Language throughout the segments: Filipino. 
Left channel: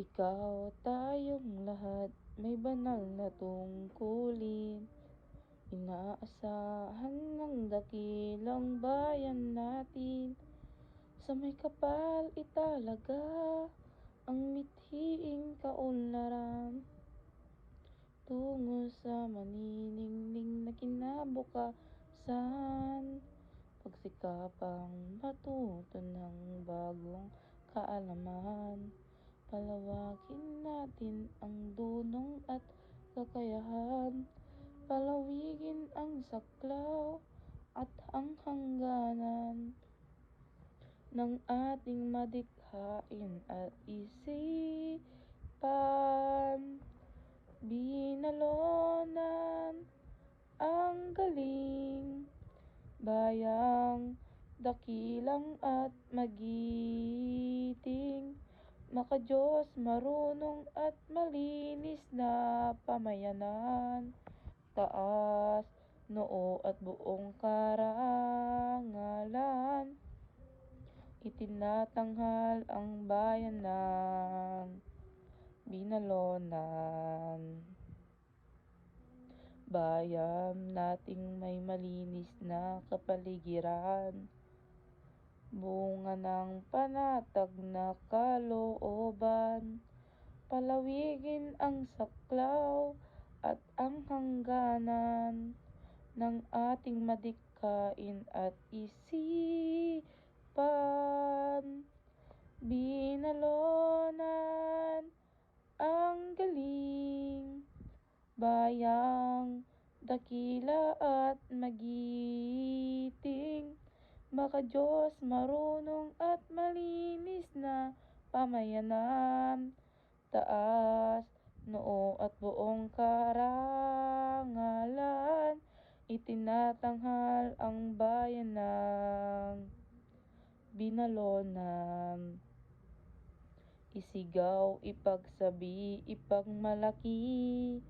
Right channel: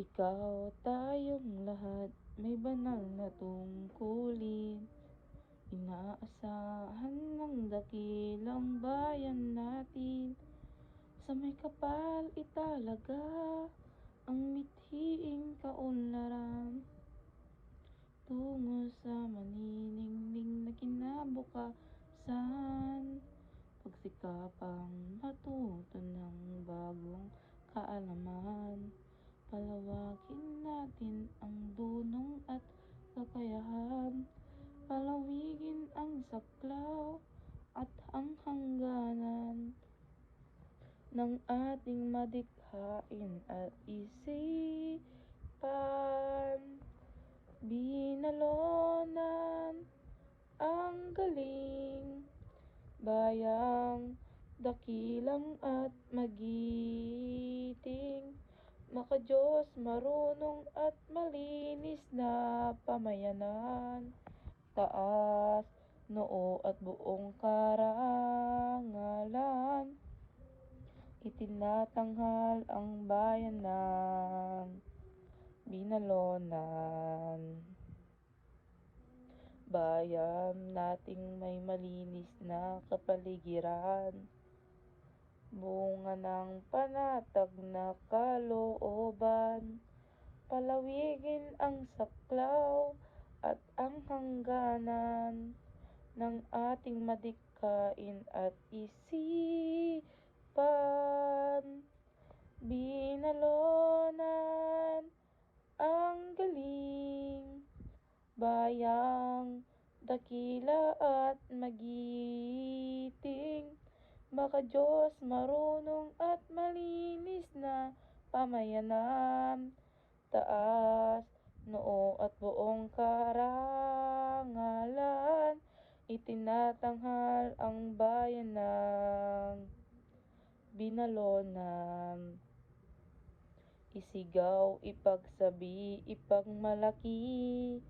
Ikaw, tayong lahat may banal na tungkulin. Inaasahan ng dakilang bayan natin. Sa may kapal italaga ang mithiing kaunlaran. Tungo sa maniningning na kinabukasan. Pagsikapang matuto ng bagong kaalaman. Palawakin natin ang dunong at kakayahan. Palawigin ang saklaw at ang hangganan ng ating madikhain at isipan. Binalonan ang galing, bayang dakilang at magiting. Maka-Diyos, marunong at malinis na pamayanan. Taas, noo at buong karangalan. Itinatanghal ang bayan ng binalonan. Bayan nating may malinis na kapaligiran. Bunga ng panatag na kalooban. Palawigin ang saklaw at ang hangganan ng ating madikhain at isipan. Binalonan ang galing, bayang dakila at magiting. Maka-Diyos, marunong at malinis na pamayanan. Taas, noo at buong karangalan. Itinatanghal ang bayan ng binalonan. Isigaw, ipagsabi, ipagmalaki,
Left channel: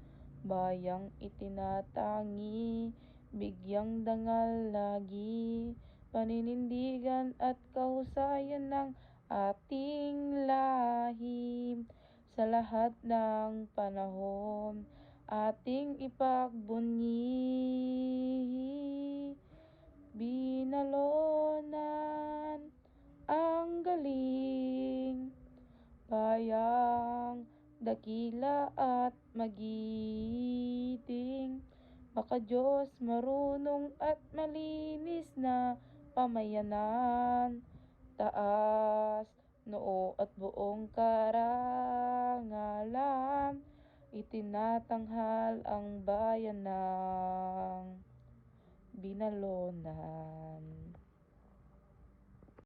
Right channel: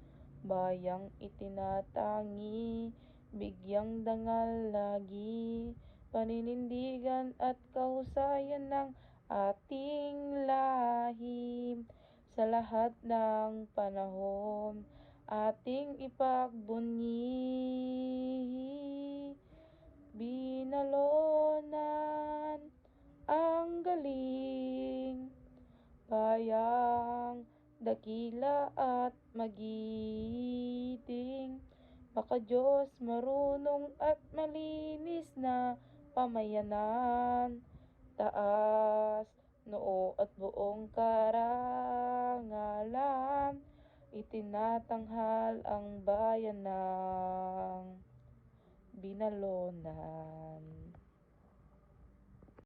bayang itinatangi, bigyang dangal lagi. Paninindigan at kahusayan ng ating lahim. Sa lahat ng panahon, ating ipagbunyi. Binalonan ang galing, bayang dakila at magiting. Maka-Diyos, marunong at malinis na pamayanan. Taas, noo at buong karangalan. Itinatanghal ang bayan ng binalonan.